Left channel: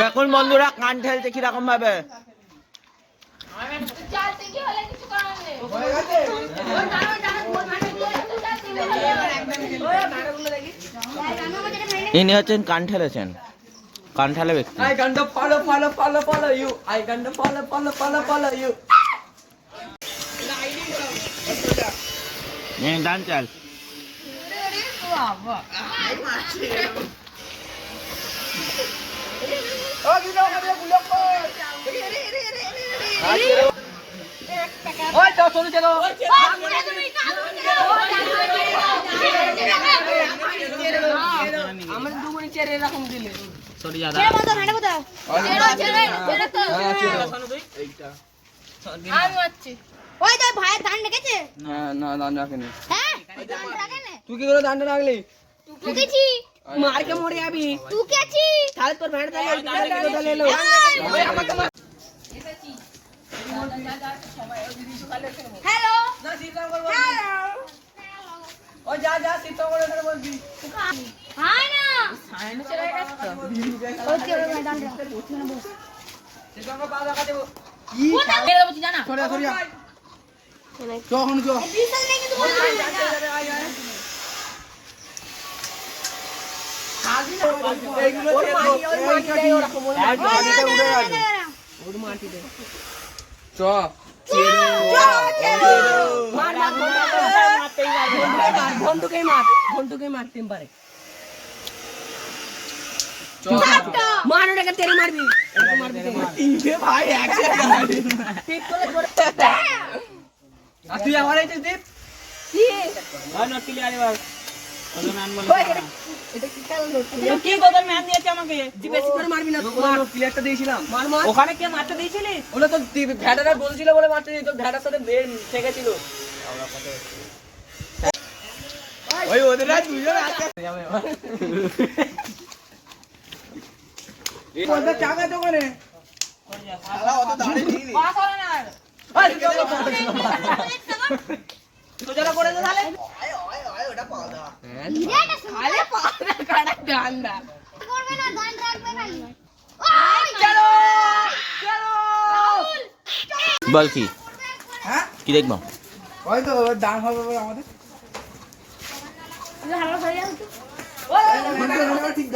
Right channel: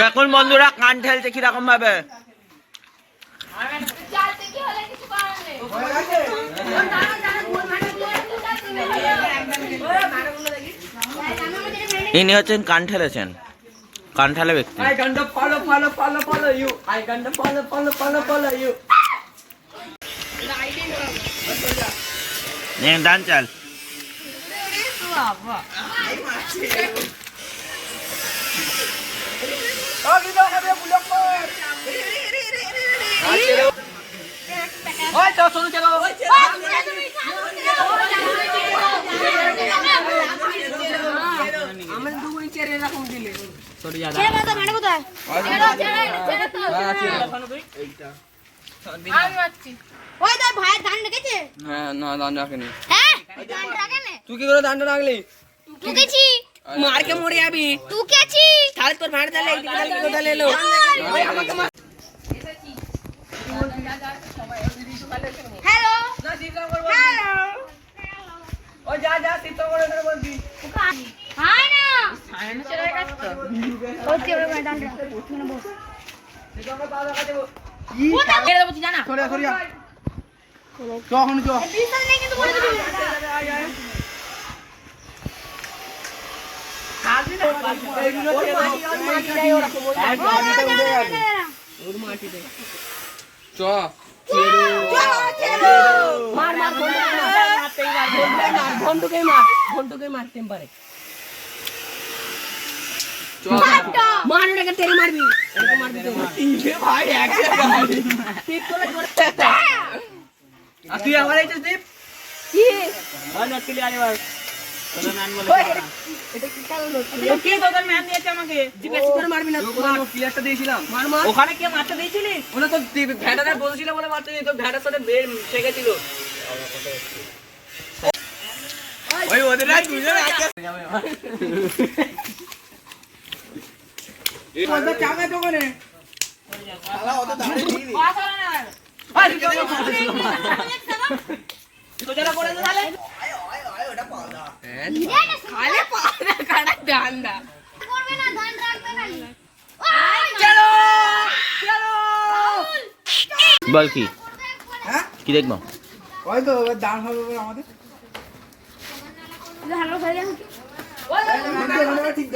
দেখুন বন্ধুরা কান ঠেলছে কীরকম ভাবে? ইনি হচ্ছেন কান ঠেলেছেন। কান ঠেলে ব্যক্তি। I gonna ওই তো চলো চলো আমাদের দুগুনি চেয়ার এরকম দিলে সরি দাদা। ওই তোর ভাইয়ের ধান রেখেছে না রাখেনি। হ্যাঁ না তুই কি করে রাখলি? মরে যাবি। তাহলে তোর ভাড়া তাহলে এইদিকে এলো। আমাকে হ্যালো করব ও যা যা সিস্টেম ওখানে বলবি হাই না ওই যে ওই ধান রাখ মানে বস সিস্টেম করে পাওয়া দেখাতে সরিয়া সরিয়া চ এখন চ বিশাল নেই কিন্তু বলে দিবি এইগুলো ওর মাটি ওর মাটি ওর মাটিতে চ মার মার মারতেই পারবে ঘন্টুকে মার ঘন্টুকে মারতে পারে মার ওটাকে তেরে মারবি এরকম মারবি ভাই একসাথে টিপ করে করে আর তুই আমার এইটা টিপ কি ওখানে কে মারতে দিয়েছিলি? ওটা তো ভ্যাডারা বলছিল বলে মারতে দিত ভ্যাডার সাথে বের ওই ওদের চাকা তো সোজারা করে চলো বল কি? হ্যাঁ কি দেখব? ওই তো দান হবে আমাদের ঠিক